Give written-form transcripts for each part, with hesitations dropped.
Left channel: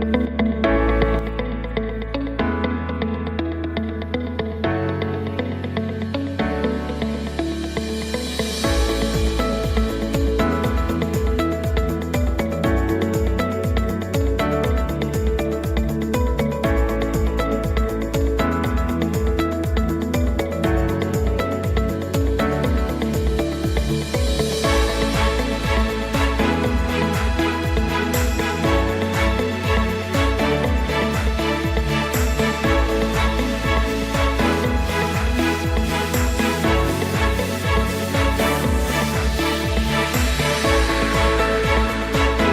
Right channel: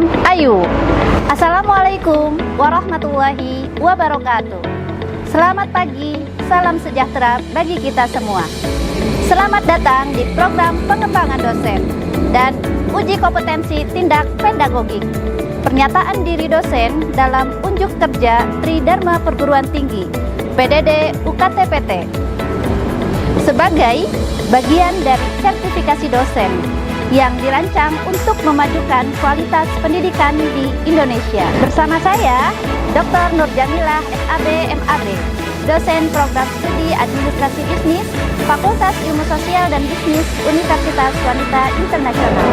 program AYU. Assalamualaikum warahmatullahi wabarakatuh. Selamat pagi, salam sejahtera bagi kita semua. Selamat datang di program pengembangan dosen dan uji kompetensi tindak pedagogik. Pernyataan diri dosen dalam unjuk kerja Tridharma Perguruan Tinggi PDD UKT-PT sebagai bagian dari sertifikasi dosen yang dirancang untuk memajukan kualitas pendidikan di Indonesia. Bersama saya, Dr. Nurjamilah SAB MAB, dosen program studi administrasi bisnis, Fakultas Ilmu Sosial dan Bisnis Universitas Wanita Internasional.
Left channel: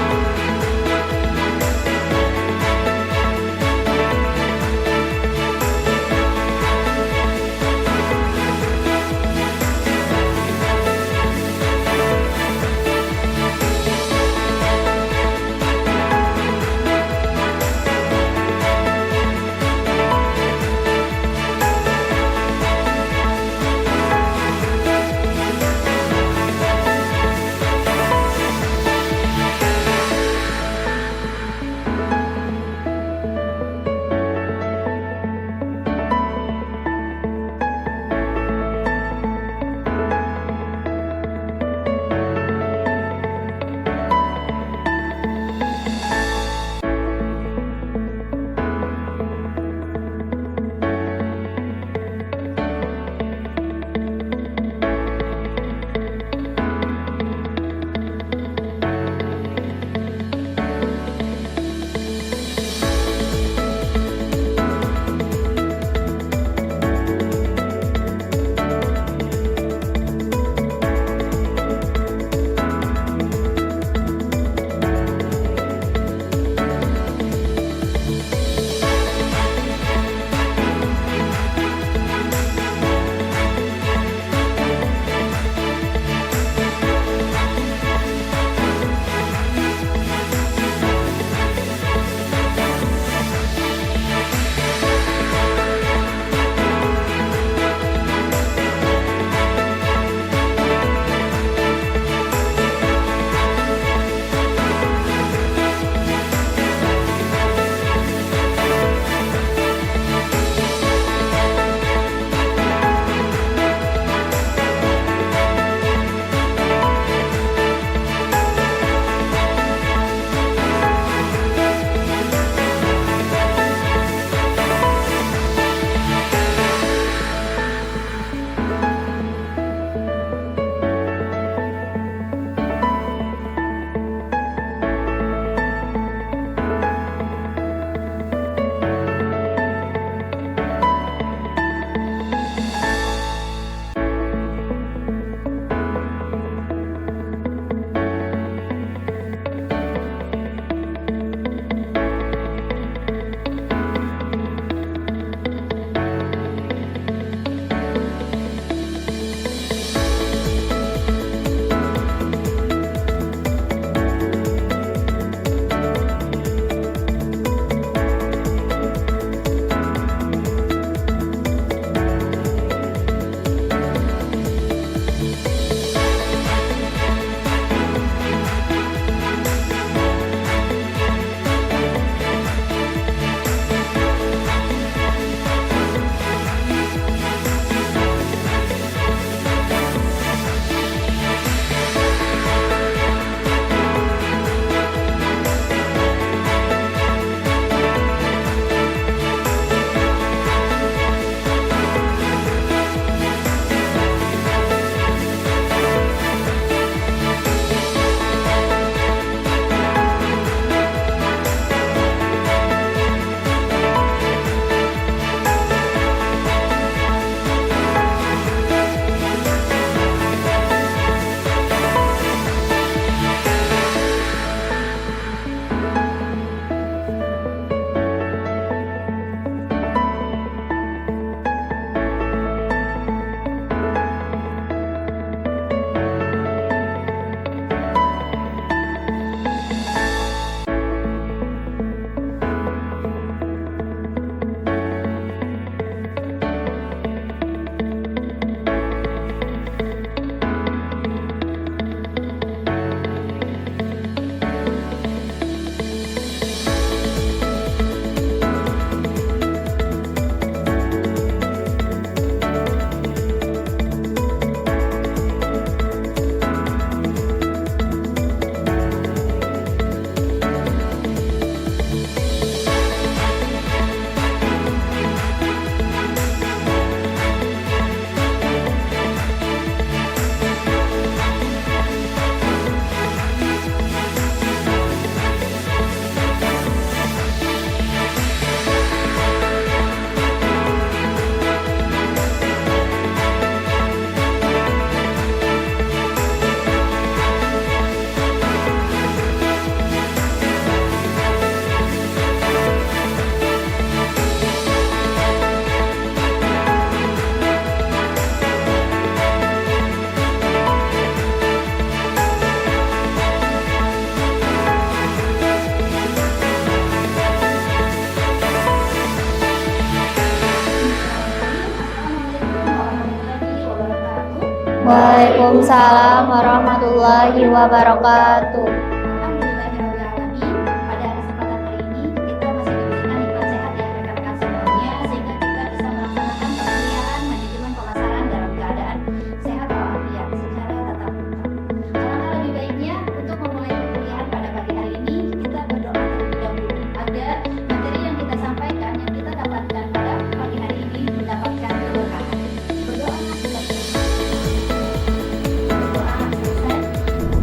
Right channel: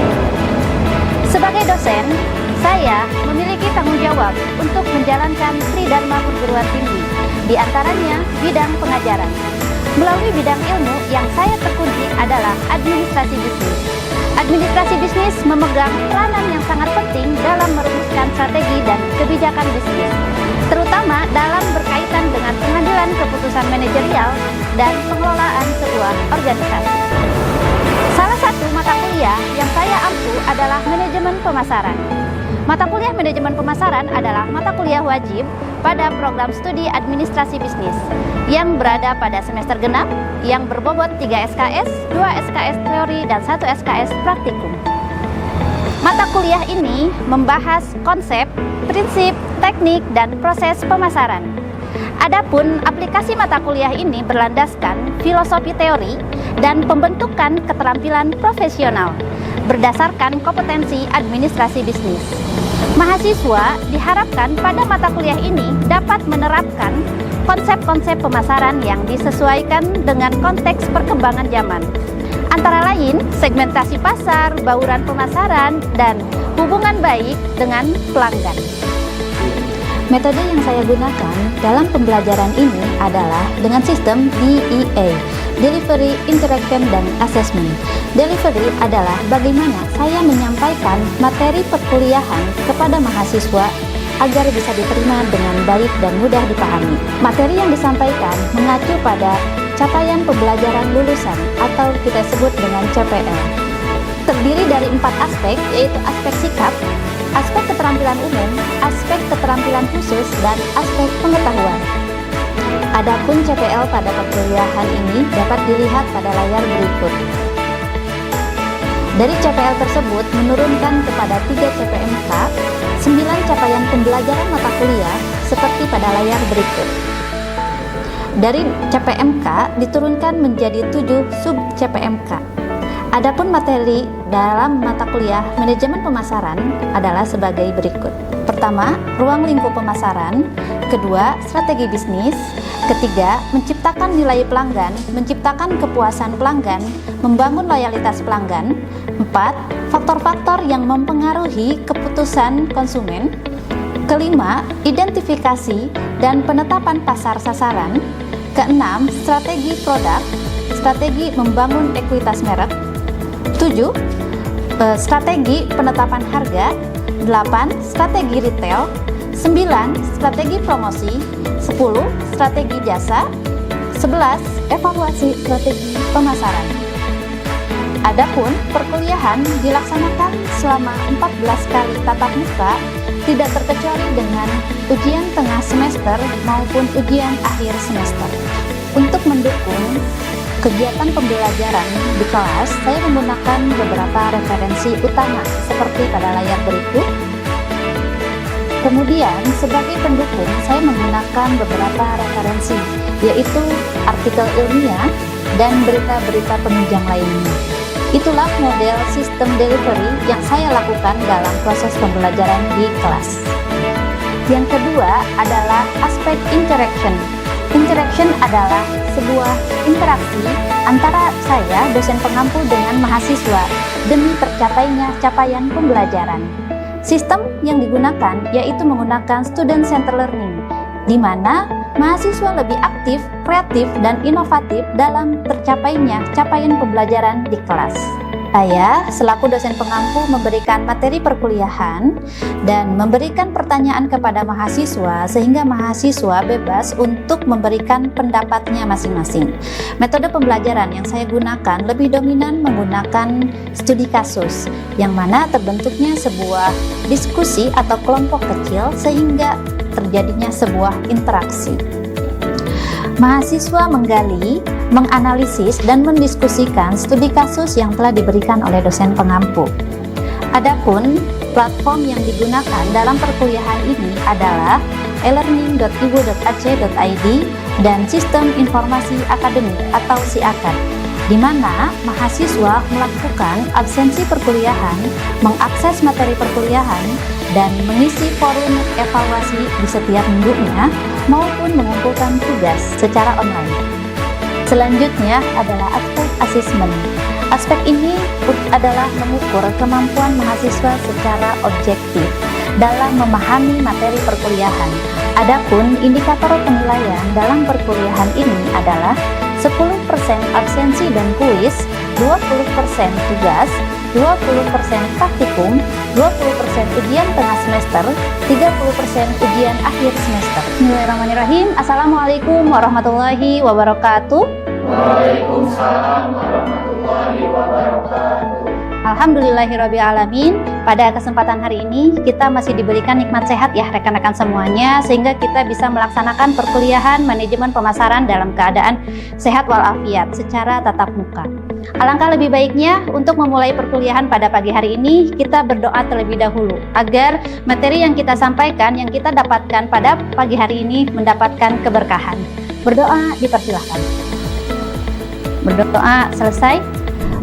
Sebagai dosen, saya memiliki tanggung jawab untuk menjalankan Tridharma Perguruan Tinggi, di antaranya bidang pengajaran. Melalui bidang ilmu yang saya tekuni adalah administrasi bisnis. Administrasi bisnis memegang peranan yang sangat penting dalam merumuskan strategi dan kebijakan bisnis, terutama dalam berkaitan dengan pengambilan keputusan manajerial dan pengelolaan sebuah organisasi. Salah satu mata kuliah yang saya ampu adalah manajemen pemasaran. Mata kuliah manajemen pemasaran adalah mata kuliah wajib pada program studi administrasi bisnis yang berada pada semester genap yang berbobot 3 SKS, 2 SKS teori, dan 1 SKS praktikum. Mata kuliah ini membahas konsep, prinsip, teknik, dan proses pemasaran. Adapun aplikasi mata kuliah ini berlandaskan filosofi teori dan pembentukan keterampilan profesional berdasarkan kompetensi administrasi bisnis. Mahasiswa diharapkan pada mata kuliah ini dapat menerapkan konsep-konsep pemasaran yang disesuaikan dengan konteks perkembangan zaman, antara lain segmentasi pasar, bauran pemasaran, dan hubungan baik dengan pelanggan. Metode yang saya gunakan dalam pembelajaran ini adalah dengan sistem DIA, Delivery, Interaction, dan Assessment. Delivery adalah bagaimana saya menyampaikan materi perkuliahan kepada mahasiswa agar bisa diterima dengan baik dan mudah dipahami. Materi yang disampaikan mengacu pada capaian pembelajaran lulusan atau kita sebut dengan CPM. Terdiri dari 4 aspek, yaitu aspek sikap, aspek keterampilan umum, aspek keterampilan khusus, dan aspek pengetahuan. Adapun CPL pada perkuliahan ini dapat dilihat pada layar berikut. Dari CPL tersebut menurunkan kepada 3 CPMK, 9 capaian pembelajaran mata kuliah seperti pada layar berikut. Dari CPMK diturunkan menjadi 7 sub CPMK. Adapun materi dalam mata kuliah manajemen pemasaran adalah sebagai berikut. Pertama, ruang lingkup pemasaran. Kedua, strategi bisnis. Ketiga, menciptakan nilai pelanggan, menciptakan kepuasan pelanggan, membangun loyalitas pelanggan. 4, faktor-faktor yang mempengaruhi keputusan konsumen. Kelima, identifikasi dan penetapan pasar sasaran. Keenam, strategi produk, strategi membangun ekuitas merek. 7, strategi penetapan harga. 8, strategi retail. 9, strategi promosi. 10, strategi jasa. 11, evaluasi strategi pemasaran. Adapun perkuliahan dilaksanakan selama 14 kali tatap muka, tidak terkecuali dengan ujian tengah semester maupun ujian akhir semester. Untuk mendukung kegiatan pembelajaran di kelas, saya menggunakan beberapa referensi utama seperti pada layar berikut. Kemudian sebagai pendukung, saya menggunakan beberapa referensi, yaitu artikel ilmiah dan berita-berita penunjang lainnya. Itulah model sistem delivery yang saya lakukan dalam proses pembelajaran di kelas. Yang kedua adalah aspek interaction. Interaction adalah sebuah interaksi antara saya, dosen pengampu, dengan mahasiswa demi tercapainya capaian pembelajaran. Sistem yang digunakan yaitu menggunakan student center learning, di mana mahasiswa lebih aktif, kreatif, dan inovatif dalam tercapainya capaian pembelajaran di kelas. Saya selaku dosen pengampu memberikan materi perkuliahan dan memberikan pertanyaan kepada mahasiswa sehingga mahasiswa bebas untuk memberikan pendapatnya masing-masing. Metode pembelajaran yang saya gunakan lebih dominan menggunakan studi kasus yang mana terbentuknya sebuah diskusi atau kelompok kecil sehingga terjadinya sebuah interaksi. Mahasiswa menggali, menganalisis, dan mendiskusikan studi kasus yang telah diberikan oleh dosen pengampu. Adapun platform yang digunakan dalam perkuliahan ini adalah elearning.ibu.ac.id dan Sistem Informasi Akademik atau SIAKAD, di mana mahasiswa melakukan absensi perkuliahan, mengakses materi perkuliahan, dan mengisi forum evaluasi di setiap minggunya maupun mengumpulkan tugas secara online. Selanjutnya adalah aspek asesmen. Aspek ini adalah mengukur kemampuan mahasiswa secara objektif dalam memahami materi perkuliahan. Adapun indikator penilaian dalam perkuliahan ini adalah 10% absensi dan kuis, 20% tugas, 20% praktikum, 20% ujian tengah semester, 30% ujian akhir semester. Bismillahirrahmanirrahim. Assalamualaikum warahmatullahi wabarakatuh. Waalaikumsalam warahmatullahi wabarakatuh. Alhamdulillahirrabbilalamin. Pada kesempatan hari ini kita masih diberikan nikmat sehat ya rekan-rekan semuanya, sehingga kita bisa melaksanakan perkuliahan manajemen pemasaran dalam keadaan sehat walafiat secara tatap muka. Alangkah lebih baiknya untuk memulai perkuliahan pada pagi hari ini kita berdoa terlebih dahulu agar materi yang kita sampaikan, yang kita dapatkan pada pagi hari ini mendapatkan keberkahan. Berdoa dipersilahkan. Berdoa selesai.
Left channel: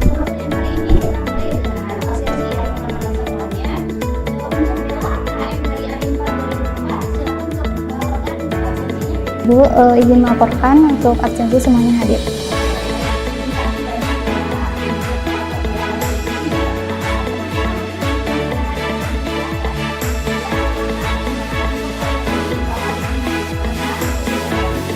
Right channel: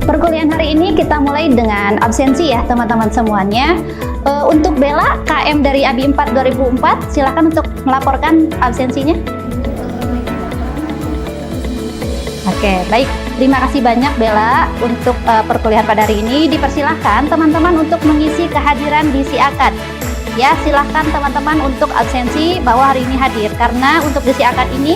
Perkuliahan hari ini kita mulai dengan absensi ya teman-teman semuanya. Untuk Bella, KM dari ABI 4 2004, silakan untuk melaporkan absensinya. Bu, Ibu melaporkan untuk absensi semuanya hadir. Oke, baik. Terima kasih banyak Bella untuk perkuliahan pada hari ini. Dipersilahkan teman-teman untuk mengisi kehadiran di SIAKAD. Ya, silahkan teman-teman untuk absensi bahwa hari ini hadir. Karena untuk di SIAKAD ini,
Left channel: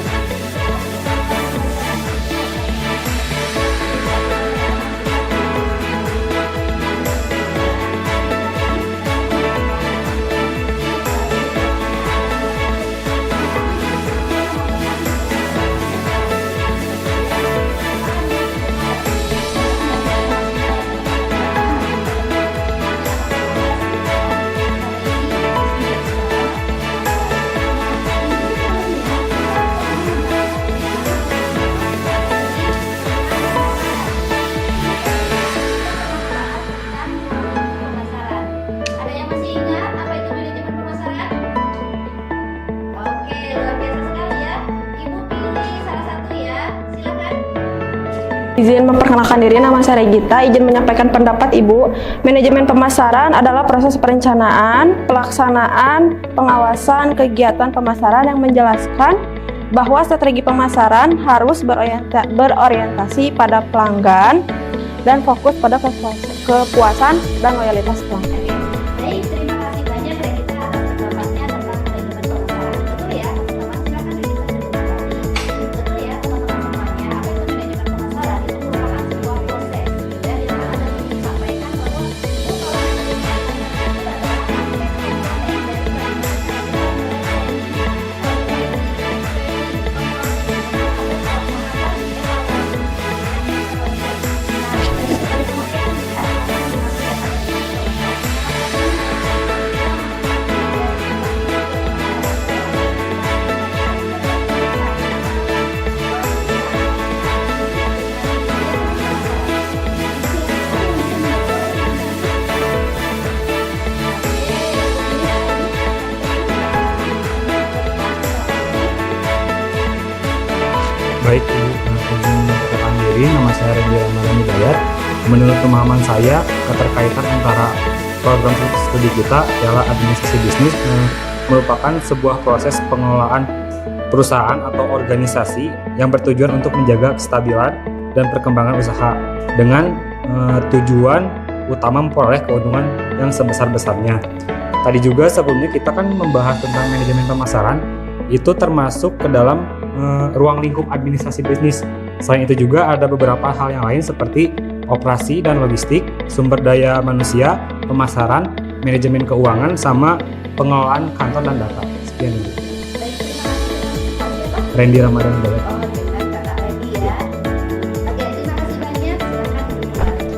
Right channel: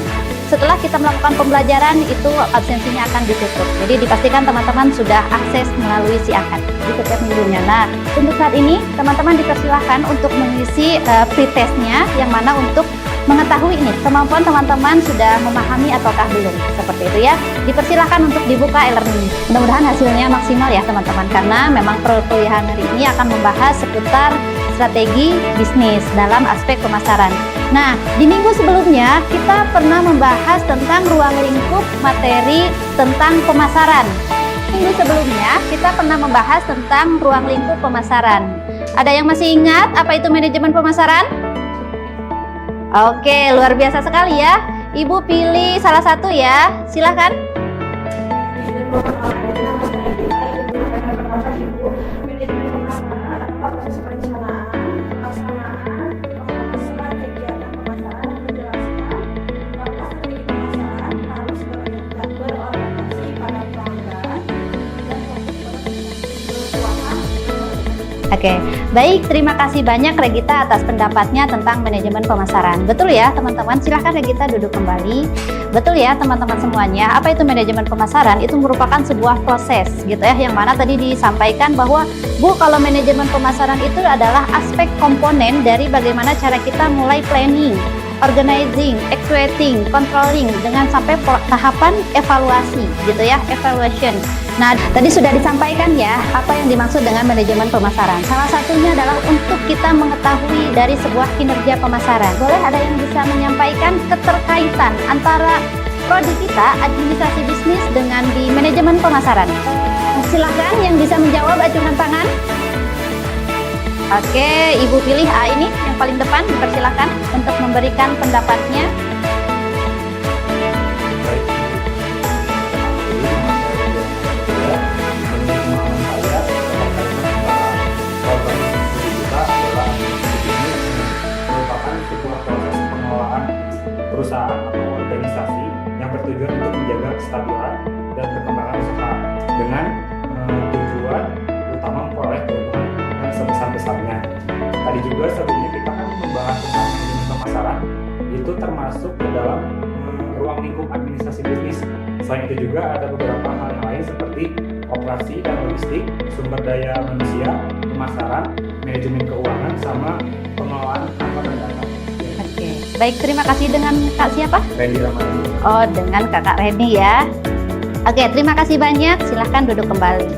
setelah kita melakukan pembelajaran itu absensinya akan ditutup. Jadi dipastikan teman-teman sudah akses melalui SIAKAD di setiap minggunya. Nah, untuk saat ini teman-teman dipersilahkan untuk mengisi pretestnya yang mana untuk mengetahui ini kemampuan teman-teman sudah memahami ataukah belum, seperti itu ya. Dipersilahkan untuk dibuka e-learning. Mudah-mudahan hasilnya maksimal ya teman-teman, karena memang perkuliahan hari ini akan membahas seputar strategi bisnis dalam aspek pemasaran. Nah, di minggu sebelumnya kita pernah membahas tentang ruang lingkup materi tentang pemasaran. Minggu sebelumnya kita pernah membahas tentang ruang lingkup pemasaran. Ada yang masih ingat apa itu manajemen pemasaran? Oke, luar biasa sekali ya. Ibu pilih salah satu ya, silahkan. Izin memperkenalkan diri, nama saya Regita. Izin menyampaikan pendapat Ibu. Manajemen pemasaran adalah proses perencanaan, pelaksanaan, pengawasan kegiatan pemasaran yang menjelaskan bahwa strategi pemasaran harus berorientasi pada pelanggan dan fokus pada kepuasan dan loyalitas pelanggan. Oke, baik. Terima kasih banyak Regita atas pendapatnya tentang manajemen pemasaran. Betul ya teman-teman, silahkan Regita duduk kembali. Betul ya teman-teman semuanya, apa itu manajemen pemasaran? Itu merupakan sebuah proses gitu ya, yang mana tadi disampaikan bahwa Bu, kalau manajemen pemasaran itu adalah aspek komponen dari bagaimana cara kita mulai planning, organizing, executing, controlling dengan sampai tahapan evaluasi gitu ya, evaluation. Nah, tadi sudah disampaikan ya apa yang dimaksud dengan manajemen pemasaran. Salah satunya adalah untuk kita mengetahui dari sebuah kinerja pemasaran. Boleh ada yang bisa menyampaikan keterkaitan antara produk kita, administrasi bisnis dengan di manajemen pemasaran? Silakan yang bisa menjawab, ajukan tangan. Oke, Ibu pilih A ini yang paling depan, dipersilakan untuk memberikan pendapatnya. Baik, diri, nama saya Ria Mutia. Menurut pemahaman saya, keterkaitan antara program studi kita adalah administrasi bisnis yang merupakan sebuah proses pengelolaan perusahaan atau organisasi yang bertujuan untuk menjaga kestabilan dan perkembangan usaha dengan tujuan utama memperoleh keuntungan yang sebesar-besarnya. Tadi juga sebelumnya kita kan membahas tentang manajemen pemasaran, itu termasuk ke dalam ruang lingkup administrasi bisnis. Selain itu juga ada beberapa hal yang lain seperti operasi dan logistik, sumber daya manusia, pemasaran, manajemen keuangan, sama pengelolaan kantor dan data. Sekian. Baik, terima kasih. Dengan Kak siapa? Randy Ramadan. Oh, dengan Kakak Reni ya. Oke, terima kasih banyak. Silahkan duduk kembali.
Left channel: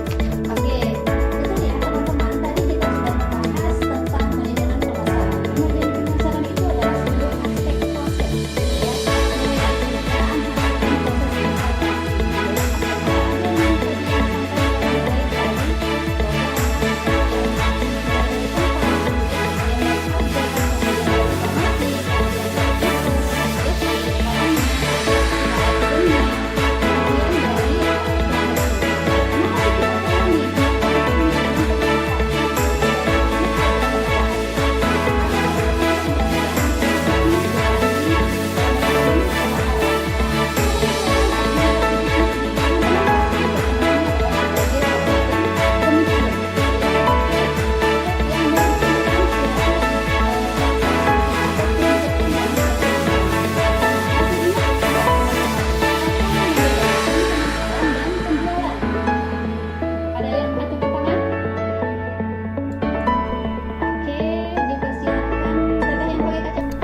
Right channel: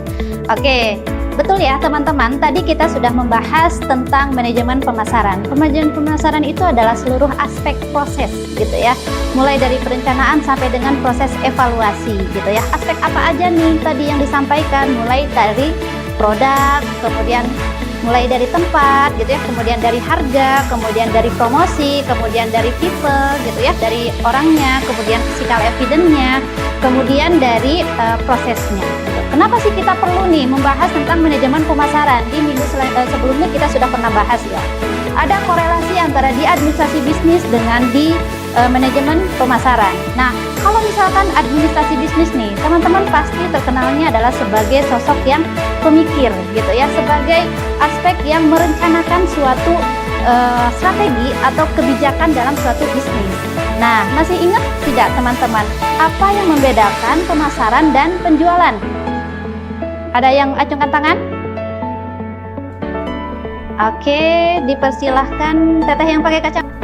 Oke, betul ya teman-teman. Tadi kita sudah membahas tentang manajemen pemasaran. Manajemen pemasaran itu adalah seluruh aspek proses, gitu ya. Mulai dari perencanaan sampai dengan proses evaluasi, gitu ya. Aspek apa aja nih tadi yang disampaikan? Mulai dari produk, kemudian mulai dari tempat, gitu ya. Kemudian dari harga, kemudian dari promosi, kemudian dari tipe, gitu ya. Dari orangnya, kemudian physical evidence-nya, kemudian dari prosesnya. Kenapa sih kita perlu nih membahas tentang manajemen pemasaran? Ini sebelumnya kita sudah pernah bahas ya. Ada korelasi antara di administrasi bisnis dengan di manajemen pemasaran. Nah, kalau misalkan administrasi bisnis nih, teman-teman pasti terkenalnya adalah sebagai sosok yang pemikir, gitu ya, sebagai aspek yang merencanakan suatu strategi atau kebijakan dalam suatu bisnis. Nah, masih ingat tidak teman-teman, apa yang membedakan pemasaran dan penjualan? Ada yang acungkan tangan? Oke, dipersilahkan Teteh yang pakai kacamata.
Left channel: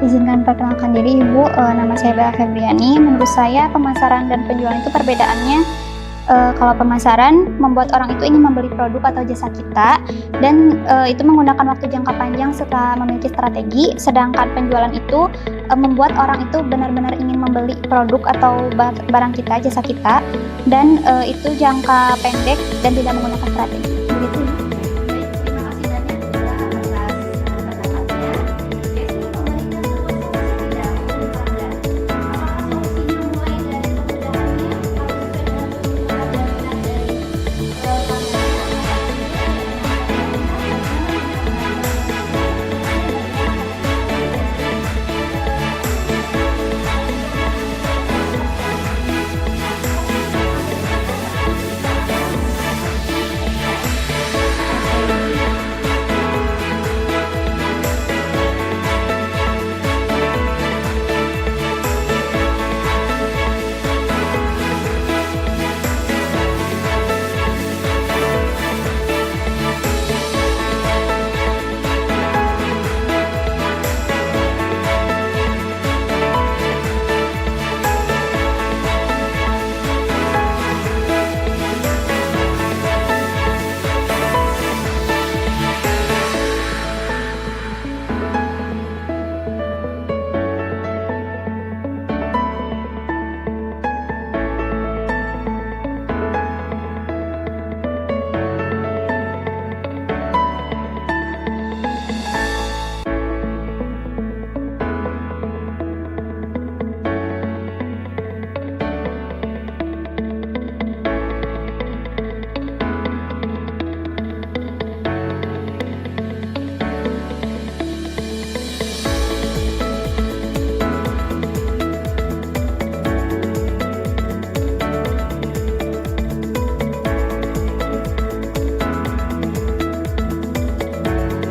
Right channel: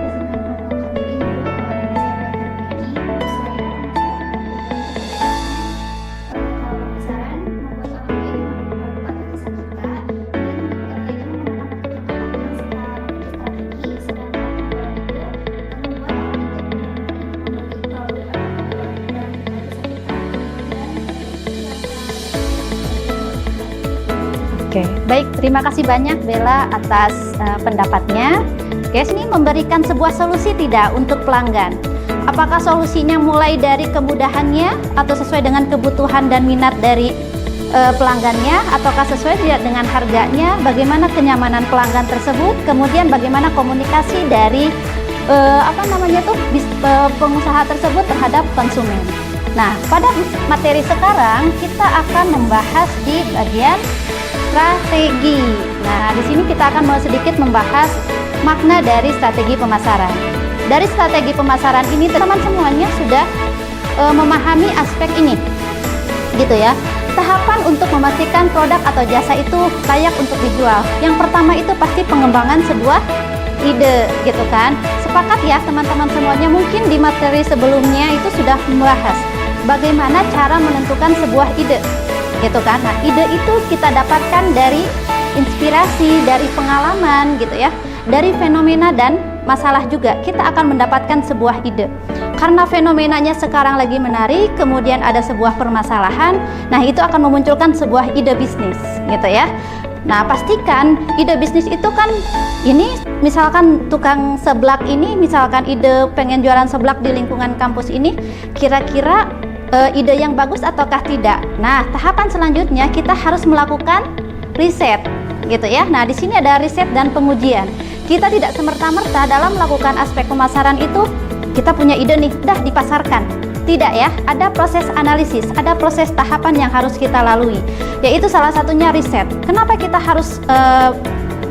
Izinkan perkenalkan diri Ibu, nama saya Bella Febriani. Menurut saya pemasaran dan penjualan itu perbedaannya, kalau pemasaran membuat orang itu ingin membeli produk atau jasa kita, dan itu menggunakan waktu jangka panjang serta memiliki strategi. Sedangkan penjualan itu membuat orang itu benar-benar ingin membeli produk atau barang kita, jasa kita, dan itu jangka pendek dan tidak menggunakan strategi. Oke, baik, terima kasih banyak Bella atas pendapatnya. Guys, ini memberikan sebuah solusi tidak untuk pelanggan? Apakah solusinya mulai dari kemudahannya atau sesuai dengan kebutuhan dan minat dari pelanggannya, ataukah sesuai tidak dengan harganya, bagaimana kenyamanan pelanggan tersebut, kemudian bagaimana komunikasi dari pengusaha tersebut terhadap konsumen. Nah, pada materi sekarang kita akan membahas di bagian strategi. Nah, di sini kita akan mau sedikit membahas makna dari strategi pemasaran. Dari strategi pemasaran ini teman semuanya sudah memahami aspek ini, gitu ya. Tahapan untuk memastikan produk atau jasa itu layak untuk dijual. Yang pertama itu pasti pengembangan sebuah ide, gitu kan. Sepakat ya teman-teman semuanya, mungkin di materi sebelumnya itu sudah membahas bagaimana cara menentukan sebuah ide, gitu kan. Nah, ide itu kita dapatkan dari inspirasi, dari pengalaman, gitu ya, dari fenomena dan masalah juga. Kita akan mendapatkan sebuah ide. Karena fenomenanya sekarang lagi menarik, kemudian ada sebuah permasalahan, nah itu akan memunculkan sebuah ide bisnis, gitu ya. Nah, pastikan ide bisnis itu kan, ini misalkan tukang seblak ini, misalkan ide pengen jualan seblak di lingkungan kampus ini, kira-kira ide yang bagus ataukah tidak. Nah, tahapan selanjutnya kita harus melakukan riset, gitu ya. Nah, di sini ada riset dan pengujian. Kita tidak semerta-merta dalam melakukan aspek pemasaran itu kita punya ide nih, dah dipasarkan. Tidak ya, ada proses analisis, ada proses tahapan yang harus kita lalui, yaitu salah satunya riset. Kenapa kita harus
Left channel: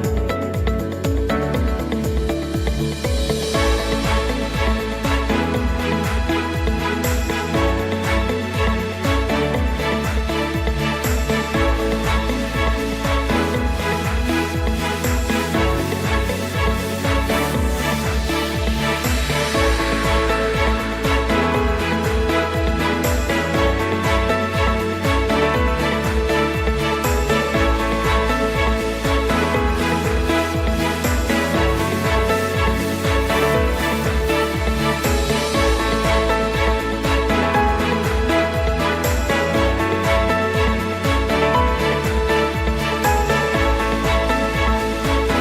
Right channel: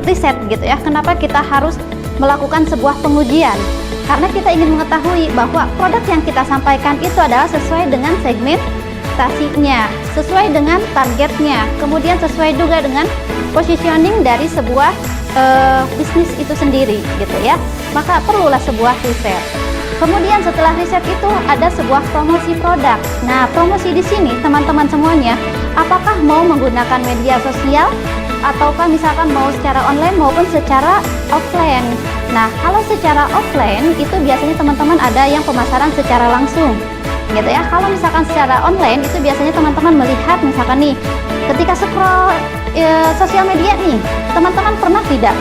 riset, gitu ya? Kenapa kita harus melakukan sebuah pengujian? Karena kita ingin mengetahui bahwa produk yang kita sampaikan itu adalah sesuai dengan segmentasinya, sesuai dengan targetnya, kemudian sesuai juga dengan positioning dari sebuah bisnis itu sendiri, gitu ya. Maka perlulah sebuah riset. Kemudian setelah riset itu ada sebuah promosi produk. Nah, promosi di sini teman-teman semuanya, apakah mau menggunakan media sosial ataukah misalkan mau secara online maupun secara offline. Nah, kalau secara offline itu biasanya teman-teman ada yang pemasaran secara langsung, gitu ya. Kalau misalkan secara online itu biasanya teman-teman melihat misalkan nih, ketika scroll sosial media nih, teman-teman pernah tidak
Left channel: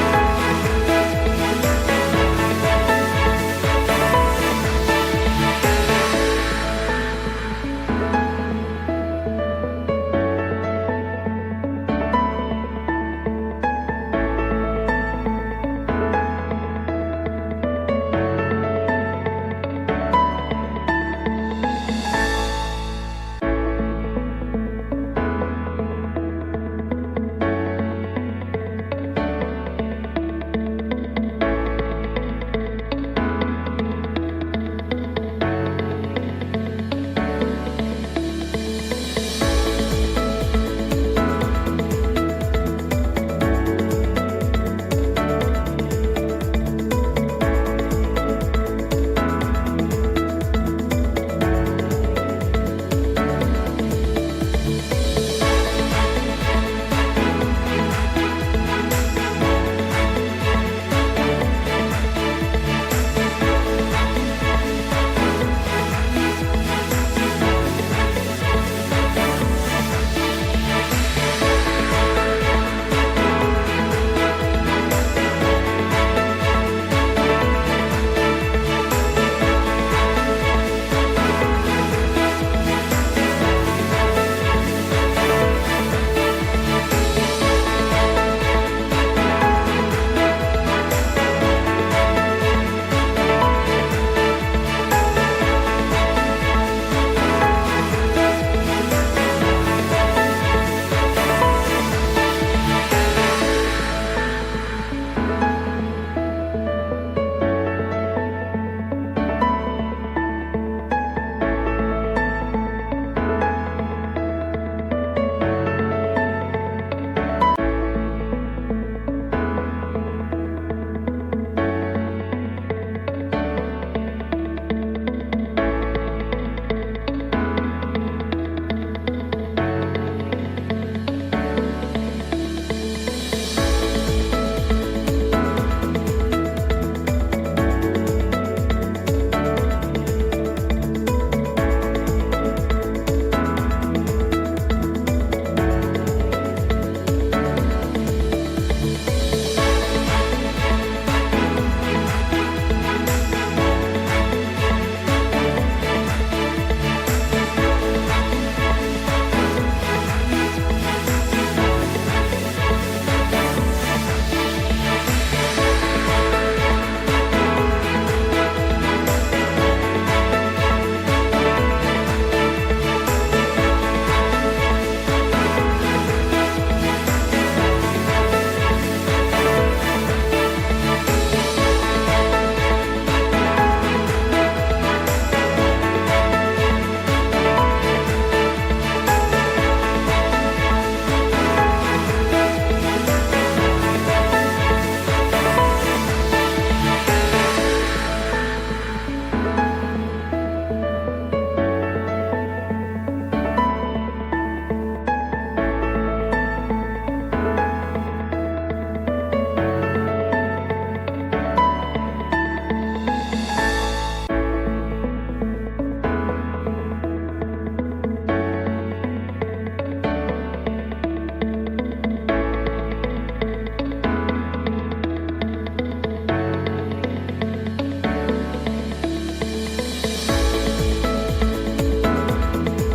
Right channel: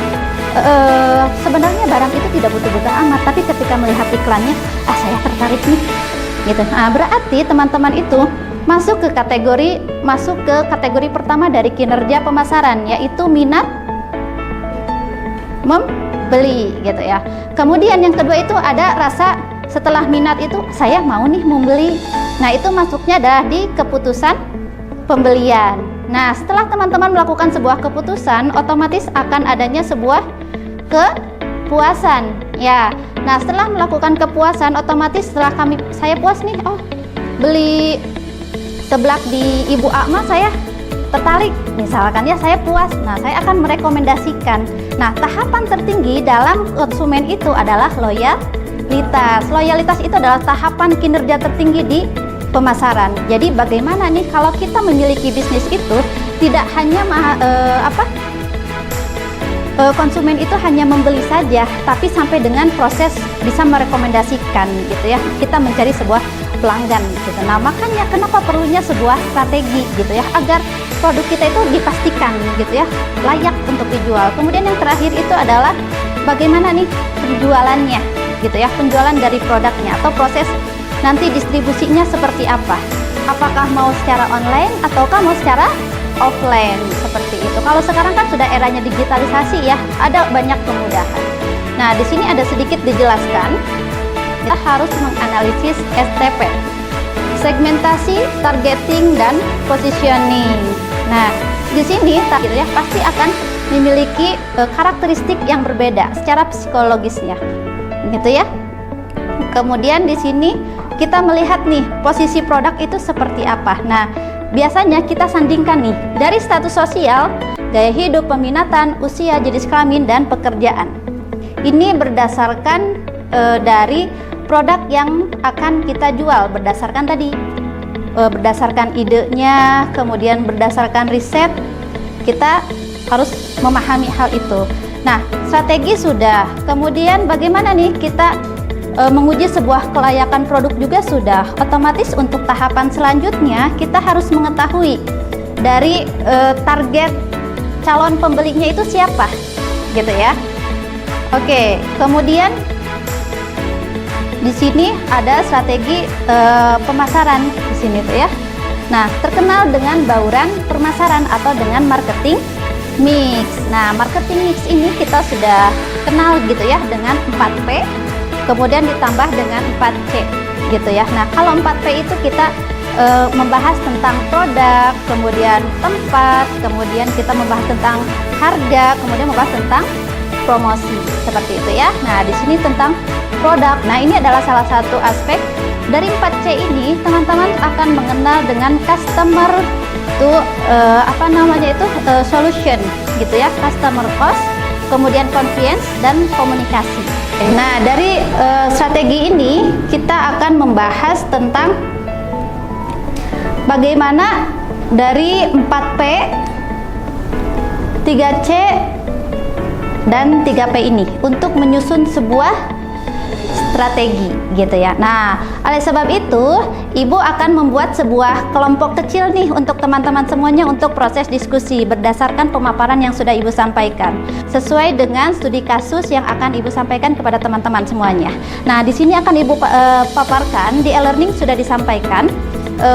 sebenarnya barang itu tidak butuh-butuh amat, tapi ketika melihat iklannya, saya tertarik nih, gitu. Nah, berarti teman-teman itu masuk ke kategori pertama dari kinerja pemasaran, yaitu minat membeli, gitu ya. Kemudian yang kedua itu ada rasa, setelah minat itu saya mau nih membeli. Nah, itu masuknya adalah di keputusan pembelian. Nah, setelah teman-teman melakukan sebuah keputusan, otomatis akan adanya sebuah kepuasan, ya. Nah, setelah melakukan kepuasan, otomatis setelah saya puas nih, oh beli seblak di Ibu Akma saya tertarik, misalkan ya saya puas, nah saya akan merekomendasikan. Nah, tahapan tertinggi dalam konsumen itu adalah loyalitas. Loyalitas itu adalah tahapan kinerja tertinggi di pemasaran. Jadi bagaimana nih kalau kita memiliki bisnis itu tidak hanya konsumen itu hanya membeli saja, tapi sampai dengan proses bisa merekomendasikan gitu ya. Kita mencari sebuah pelanggan gitu. Nah, makanya kenapa perlunya sebuah strategi gitu ya, agar produk kita itu dipastikan gitu ya layak untuk dijual. Kemudian yang terakhir itu adalah bagaimana nih penjualannya gitu ya, penjualan dari produknya atau proses nanti distribusinya seperti apa. Apakah mau secara online ataukah mau secara offline seperti itu. Kalau sekarang kan sudah eranya digitalisasi ya, ada banyak kemudahan. Nah, di sini ada sedikit dijelaskan. Kita harus menganalisis STP, segmentasi, targeting, dan positioning. Nah, di sini ya pasti akan memiliki karakteristik yang berbeda secara psikologisnya, gitu ya. Kemudian di sini kita melihat nih posisi produk itu seperti apa. Nah, biasanya kita sandingkan nih dari status sosial, gaya hidup, peminatan, usia, jenis kelamin, dan pekerjaan. Ini berdasarkan dari produk yang akan kita jual, berdasarkan tadi berdasarkan idenya, kemudian berdasarkan riset, kita harus memahami hal itu. Nah, strategi sudah, kemudian bagaimana nih kita menguji sebuah kelayakan produk juga sudah. Otomatis untuk tahapan selanjutnya kita harus mengetahui dari target calon pembelinya itu siapa, gitu ya. Oke, kemudian di sini ada strategi pemasaran di sini tuh ya. Nah, terkenal dengan bauran pemasaran atau dengan marketing mix. Nah, marketing mix ini kita sudah kenal gitu ya dengan 4P. Kemudian ditambah dengan 4C gitu ya. Nah, kalau 4P itu kita membahas tentang produk, kemudian tempat, kemudian kita membahas tentang harga, kemudian membahas tentang promosi seperti itu ya. Nah, di sini tentang produk. Nah, ini adalah salah satu aspek dari 4C ini. Teman-teman akan mengenal dengan customer itu solution gitu ya, customer cost, kemudian convenience, dan komunikasi. Nah, dari strategi ini kita akan membahas tentang bagaimana dari 4P, 3C, dan 3P ini untuk menyusun sebuah strategi gitu ya. Nah, oleh sebab itu Ibu akan membuat sebuah kelompok kecil nih untuk teman-teman semuanya untuk proses diskusi berdasarkan pemaparan yang sudah Ibu sampaikan sesuai dengan studi kasus yang akan Ibu sampaikan kepada teman-teman semuanya. Nah, di sini akan Ibu paparkan, di e-learning sudah disampaikan.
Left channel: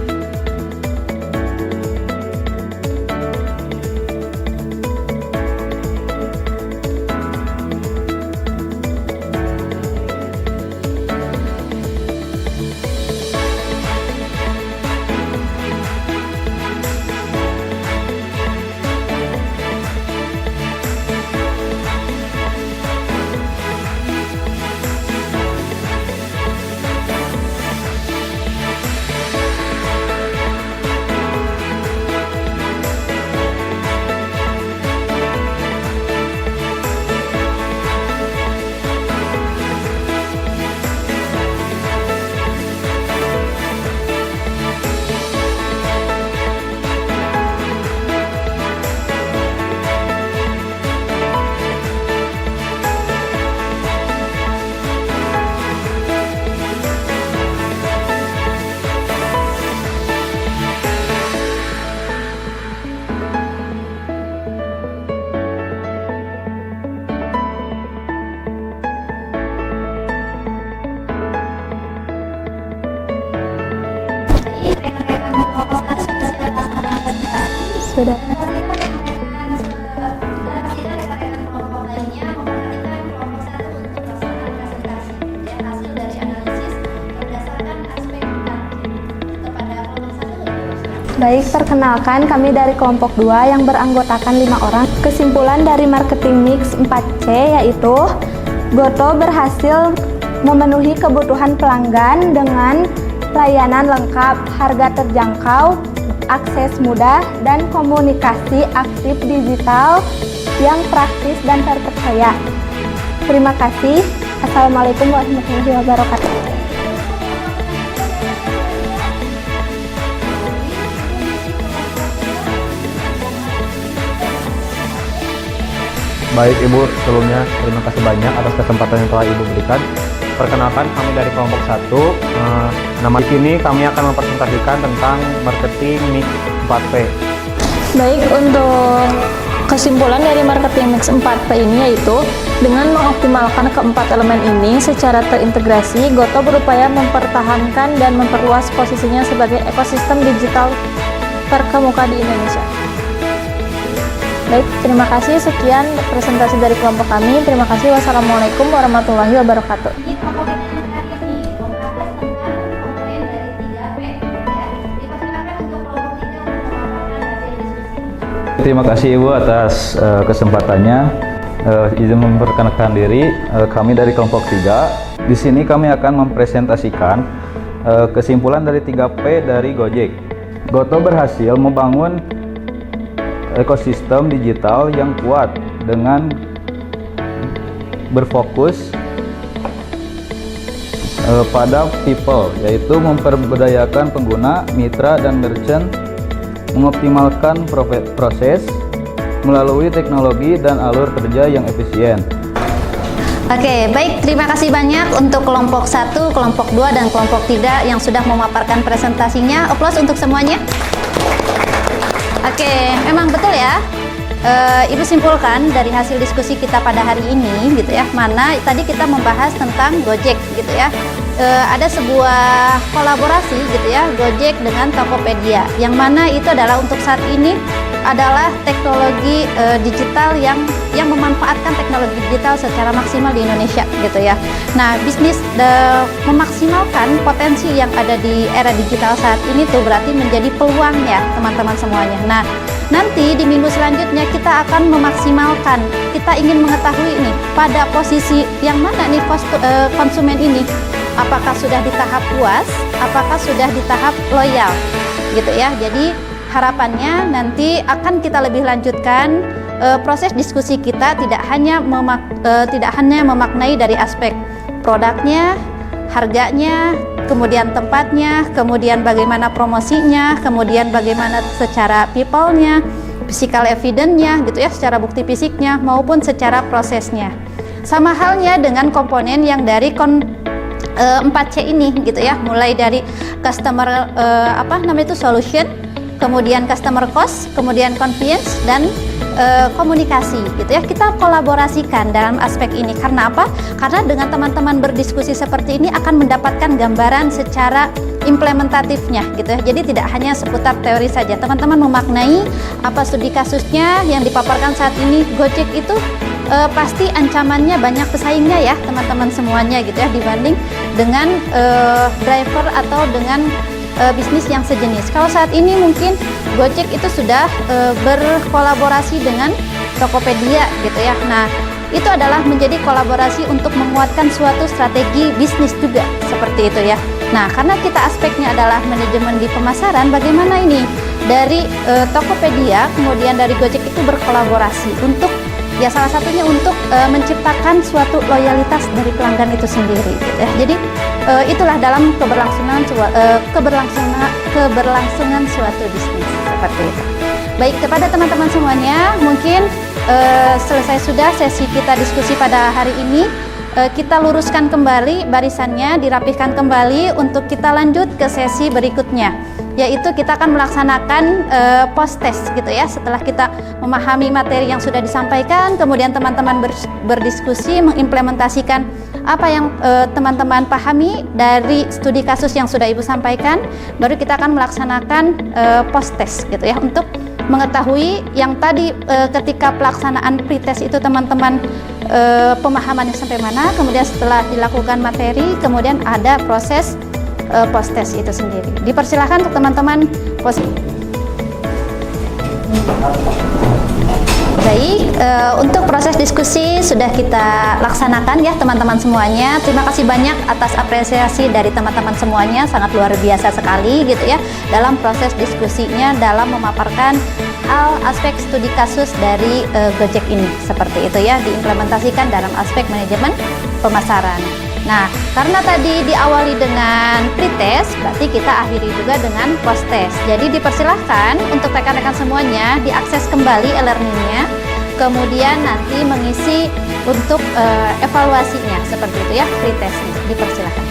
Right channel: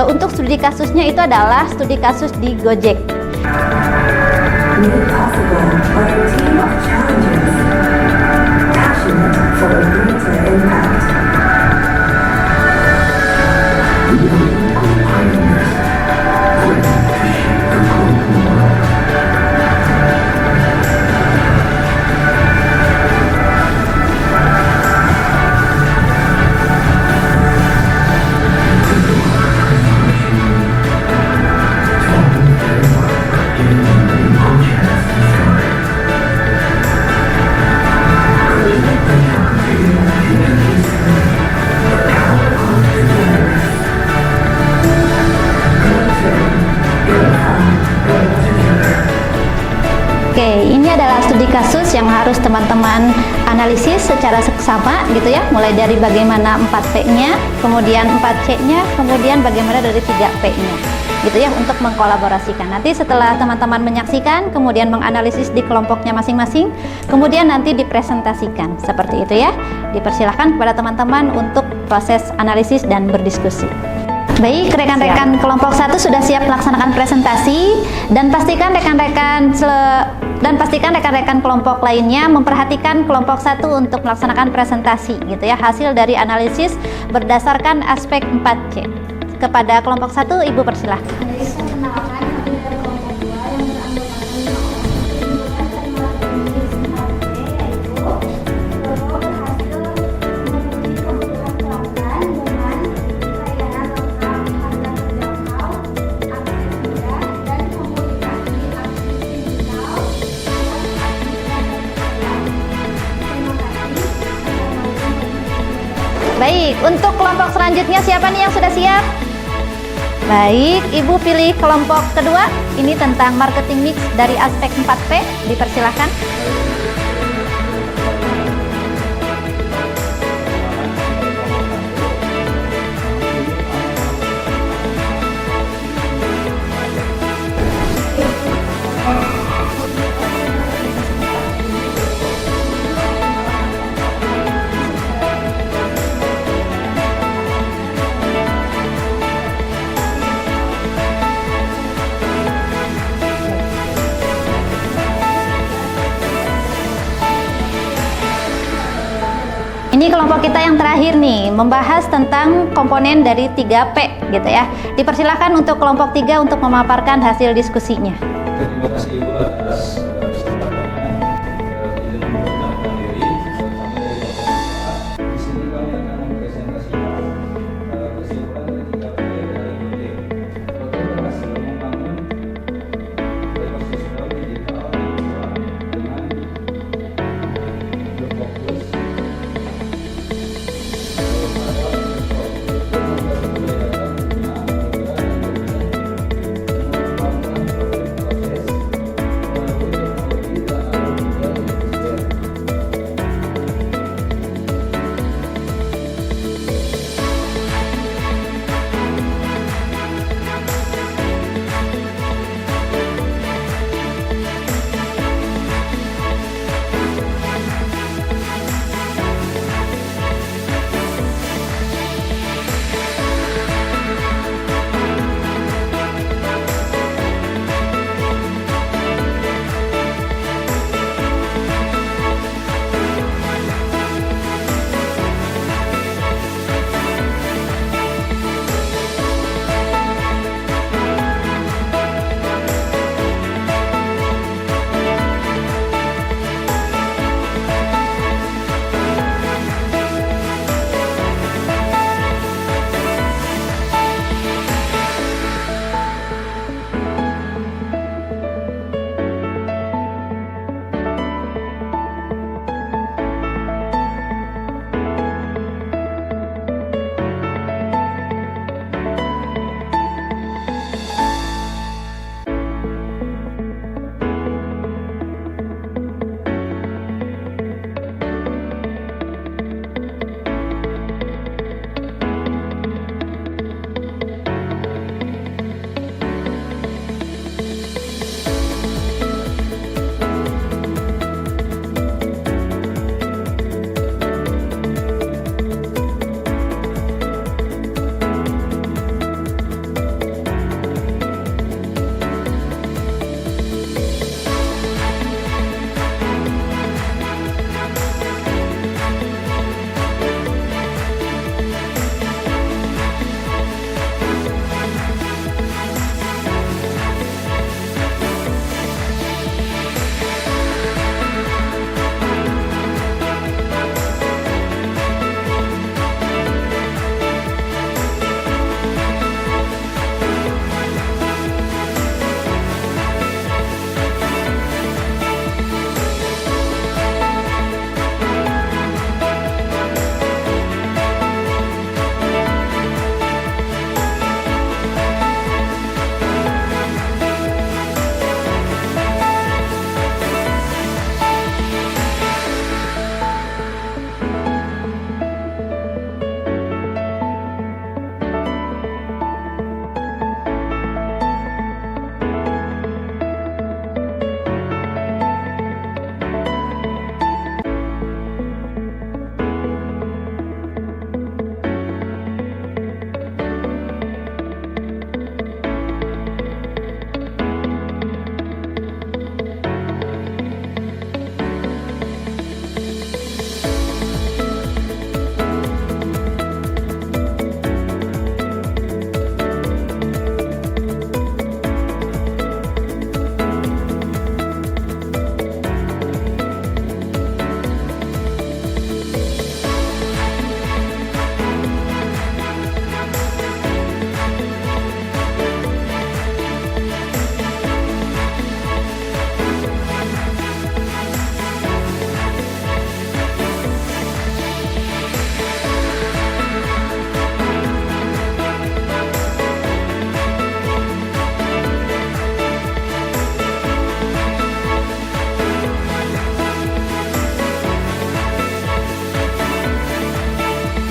Untuk studi kasusnya itu adalah studi kasus di Gojek. Teman-teman analisis secara seksama gitu ya, mulai dari bagaimana 4P-nya, kemudian 4C-nya, kemudian bagaimana dari 3P-nya gitu ya, untuk mengkolaborasikan. Nanti setelah teman-teman menyaksikan, kemudian menganalisis di kelompoknya masing-masing, kemudian nanti dipresentasikan seperti itu ya. Dipersilahkan kepada teman-teman untuk proses analisis dan berdiskusi. Baik, rekan-rekan kelompok 1 sudah siap melaksanakan presentasi, dan pastikan rekan-rekan kelompok lainnya memperhatikan kelompok 1 untuk melaksanakan presentasi gitu ya, hasil dari analisis berdasarkan aspek 4C. Kepada kelompok 1, Ibu persilahkan. Baik, perkenalkan kami dari kelompok 2 yang beranggotakan 5 orang. Kesimpulan dari marketing mix 4C yaitu Goto berhasil memenuhi kebutuhan pelanggan dengan layanan lengkap, harga terjangkau, akses mudah, dan komunikasi aktif digital yang praktis dan terpercaya. Terima kasih. Assalamualaikum warahmatullahi wabarakatuh. Baik, untuk kelompok selanjutnya siapa nih yang sudah siap? Baik, Ibu pilih kelompok kedua. Ini tentang marketing mix dari aspek 4P. Dipersilakan. Baik Ibu, sebelumnya terima kasih banyak atas kesempatan yang telah Ibu berikan. Perkenalkan, kami dari kelompok 1. Nama di sini kami akan mempresentasikan tentang marketing mix 4P. Baik, untuk kesimpulan dari marketing mix 4P ini yaitu dengan mengoptimalkan keempat elemen ini secara terintegrasi, Goto berupaya mempertahankan dan memperluas posisinya sebagai ekosistem digital terkemuka di Indonesia. Baik, terima kasih. Sekian presentasi dari kelompok kami. Terima kasih. Wassalamualaikum warahmatullahi wabarakatuh. Ini kelompok kita yang terakhir nih, membahas tentang komponen dari 3P gitu ya. Dipersilakan untuk kelompok 3 untuk memaparkan hasil diskusinya. Terima kasih Ibu atas kesempatannya. Izin memperkenalkan diri, kami dari kelompok 3. Di sini kami akan mempresentasikan kesimpulan dari 3P dari Gojek. Goto berhasil membangun ekosistem digital yang kuat dengan berfokus pada people, yaitu memperbudayakan pengguna, mitra, dan merchant, mengoptimalkan proses melalui teknologi dan alur kerja yang efisien. Oke, baik. Terima kasih banyak untuk kelompok 1, kelompok 2, dan kelompok 3 yang sudah memaparkan presentasinya. Aplaus untuk semuanya. Oke, memang betul ya. Ibu simpulkan dari hasil diskusi kita pada hari ini gitu ya, mana tadi kita membahas tentang Gojek gitu ya. Ada sebuah kolaborasi gitu ya, Gojek dengan Tokopedia, yang mana itu adalah untuk saat ini adalah teknologi digital yang memanfaatkan teknologi digital secara maksimal di Indonesia gitu ya. Nah, bisnis memaksimalkan potensi yang ada di era digital saat ini tuh berarti menjadi peluang ya teman-teman semuanya. Nah, nanti di minggu selanjutnya kita akan memaksimalkan, kita ingin mengetahui nih pada posisi yang mana nih konsumen ini, apakah sudah di tahap puas, apakah sudah di tahap loyal gitu ya. Jadi harapannya nanti akan kita lebih lanjutkan proses diskusi kita tidak hanya memaknai dari aspek produknya, harganya, kemudian tempatnya, kemudian bagaimana promosinya, kemudian bagaimana secara people-nya, physical evidence-nya gitu ya, secara bukti fisiknya maupun secara prosesnya. Sama halnya dengan komponen yang dari 4C ini gitu ya, mulai dari customer solution, kemudian customer cost, kemudian convenience, dan komunikasi gitu ya. Kita kolaborasikan dalam aspek ini. Karena apa? Karena dengan teman-teman berdiskusi seperti ini akan mendapatkan gambaran secara implementatifnya gitu ya. Jadi tidak hanya seputar teori saja. Teman-teman memaknai apa studi kasusnya yang dipaparkan saat ini. Gojek itu pasti ancamannya banyak pesaingnya ya teman-teman semuanya gitu ya, dibanding dengan driver atau dengan bisnis yang sejenis. Kalau saat ini mungkin Gojek itu sudah berkolaborasi dengan Tokopedia gitu ya. Nah, itu adalah menjadi kolaborasi untuk menguatkan suatu strategi bisnis juga seperti itu ya. Nah, karena kita aspeknya adalah manajemen di pemasaran, bagaimana ini dari Tokopedia kemudian dari Gojek itu berkolaborasi untuk ya salah satunya untuk menciptakan suatu loyalitas dari pelanggan itu sendiri gitu ya. Jadi itulah dalam keberlangsungan suatu bisnis seperti itu. Baik, kepada teman-teman semuanya, mungkin selesai sudah sesi kita diskusi pada hari ini. Kita luruskan kembali barisannya, dirapihkan kembali untuk kita lanjut ke sesi berikutnya, yaitu kita akan melaksanakan post test gitu ya. Setelah kita memahami materi yang sudah disampaikan, kemudian teman-teman berdiskusi mengimplementasikan apa yang teman-teman pahami dari studi kasus yang sudah Ibu sampaikan, baru kita akan melaksanakan post test gitu ya, untuk mengetahui yang tadi ketika pelaksanaan pretest itu teman-teman pemahamannya sampai mana, kemudian setelah dilakukan materi, kemudian ada proses post test itu sendiri. Dipersilahkan untuk teman-teman Baik, untuk proses diskusi sudah kita laksanakan ya teman-teman semuanya. Terima kasih banyak atas apresiasi dari teman-teman semuanya, sangat luar biasa sekali gitu ya dalam proses diskusinya dalam memaparkan aspek studi kasus dari Gojek ini. Seperti itu ya, diimplementasikan dalam aspek manajemen pemasaran. Nah, karena tadi diawali dengan pretest, berarti kita akhiri juga dengan post-test. Jadi dipersilahkan untuk rekan-rekan semuanya diakses kembali e-learningnya, kemudian nanti mengisi untuk evaluasinya, seperti itu ya, pretest. Dipersilahkan.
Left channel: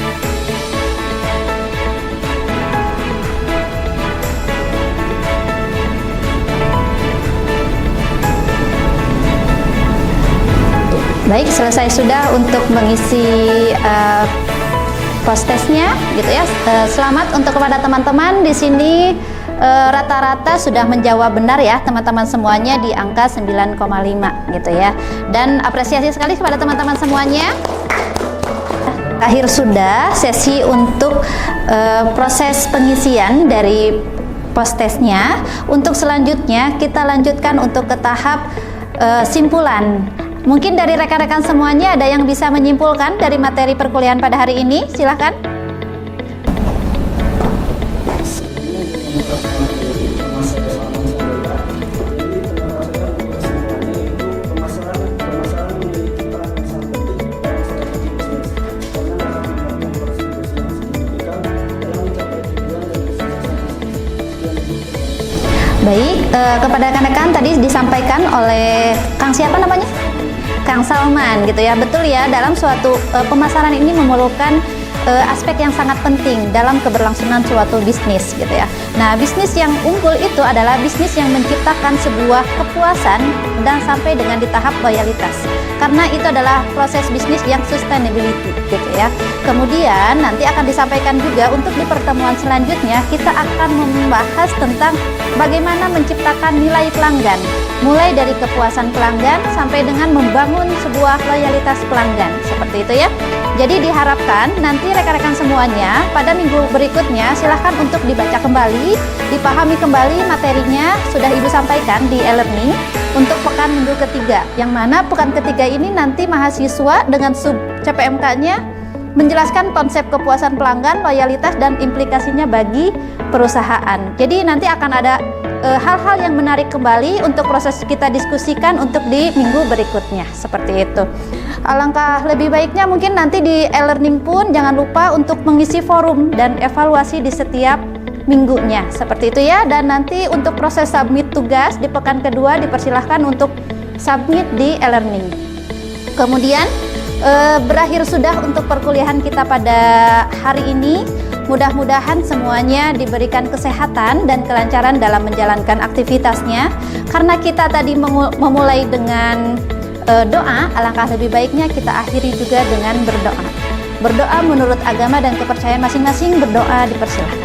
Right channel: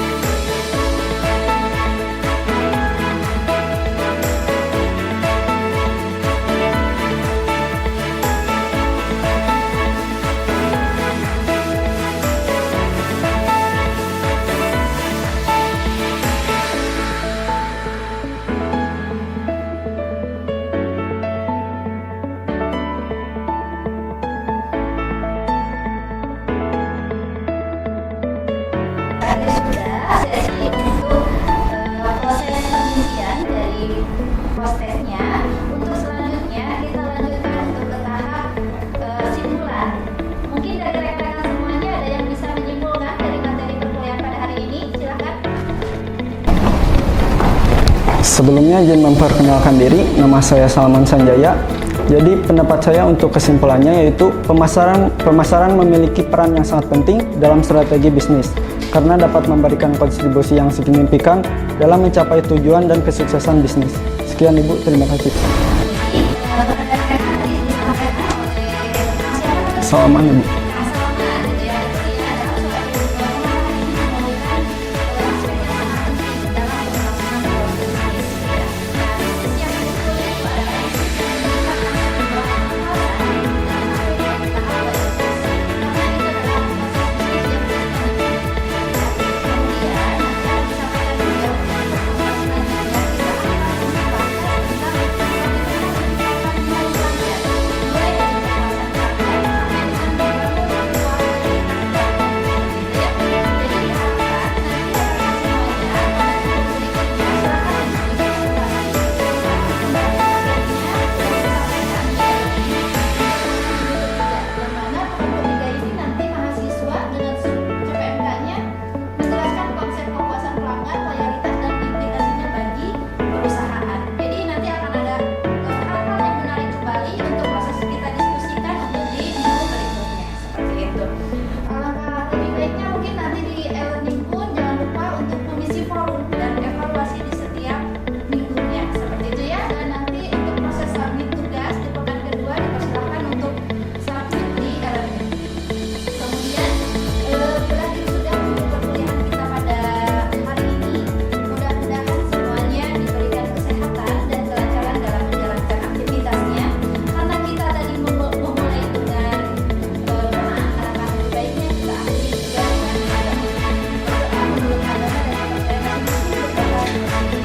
Baik, selesai sudah untuk mengisi post-testnya, gitu ya. Selamat untuk kepada teman-teman di sini rata-rata sudah menjawab benar ya teman-teman semuanya di angka 9,5 gitu ya. Dan apresiasi sekali kepada teman-teman semuanya. Akhir sudah sesi untuk proses pengisian dari post-testnya. Untuk selanjutnya kita lanjutkan untuk ke tahap simpulan. Mungkin dari rekan-rekan semuanya ada yang bisa menyimpulkan dari materi perkuliahan pada hari ini? Silahkan. Sebelumnya izin memperkenalkan diri, nama saya Salman Sanjaya. Jadi pendapat saya untuk kesimpulannya yaitu pemasaran memiliki peran yang sangat penting dalam strategi bisnis karena dapat memberikan kontribusi yang signifikan dalam mencapai tujuan dan kesuksesan bisnis. Sekian Ibu, terima kasih. Baik, kepada rekan-rekan tadi disampaikan oleh Kang siapa namanya? Salman. Kang Salman gitu ya. Betul ya, dalam suatu pemasaran ini memerlukan aspek yang sangat penting dalam keberlangsungan suatu bisnis gitu ya. Nah, bisnis yang unggul itu adalah bisnis yang menciptakan sebuah kepuasan dan sampai dengan di tahap loyalitas. Karena itu adalah proses bisnis yang sustainability gitu ya. Kemudian nanti akan disampaikan juga untuk di pertemuan selanjutnya kita akan membahas tentang bagaimana menciptakan nilai pelanggan, mulai dari kepuasan pelanggan sampai dengan membangun sebuah loyalitas pelanggan, seperti itu ya. Jadi diharapkan nanti rekan-rekan semuanya pada minggu berikutnya silahkan untuk dibaca kembali, dipahami kembali materinya sudah Ibu sampaikan di e-learning untuk pekan minggu ketiga, yang mana pekan ketiga ini nanti mahasiswa dengan sub CPMK-nya menjelaskan konsep kepuasan pelanggan, loyalitas, dan implikasinya bagi perusahaan. Jadi nanti akan ada hal-hal yang menarik kembali untuk proses kita diskusikan untuk di minggu berikutnya, seperti itu. Alangkah lebih baiknya mungkin nanti di e-learning pun jangan lupa untuk mengisi forum dan evaluasi di setiap minggunya, seperti itu ya. Dan nanti untuk proses submit tugas di pekan kedua dipersilahkan untuk submit di e-learning. Kemudian berakhir sudah untuk perkuliahan kita pada hari ini. Mudah-mudahan semuanya diberikan kesehatan dan kelancaran dalam menjalankan aktivitasnya. Karena kita tadi memulai dengan doa, alangkah lebih baiknya kita akhiri juga dengan berdoa. Berdoa menurut agama dan kepercayaan masing-masing, berdoa dipersilahkan.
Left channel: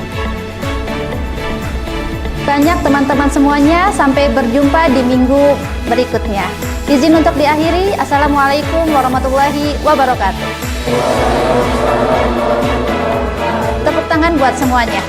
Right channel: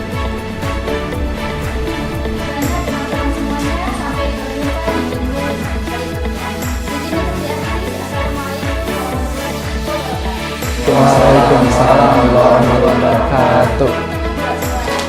Banyak teman-teman semuanya, sampai berjumpa di minggu berikutnya. Izin untuk diakhiri, Assalamualaikum warahmatullahi wabarakatuh. Waalaikumsalam warahmatullahi wabarakatuh. Tepuk tangan buat semuanya.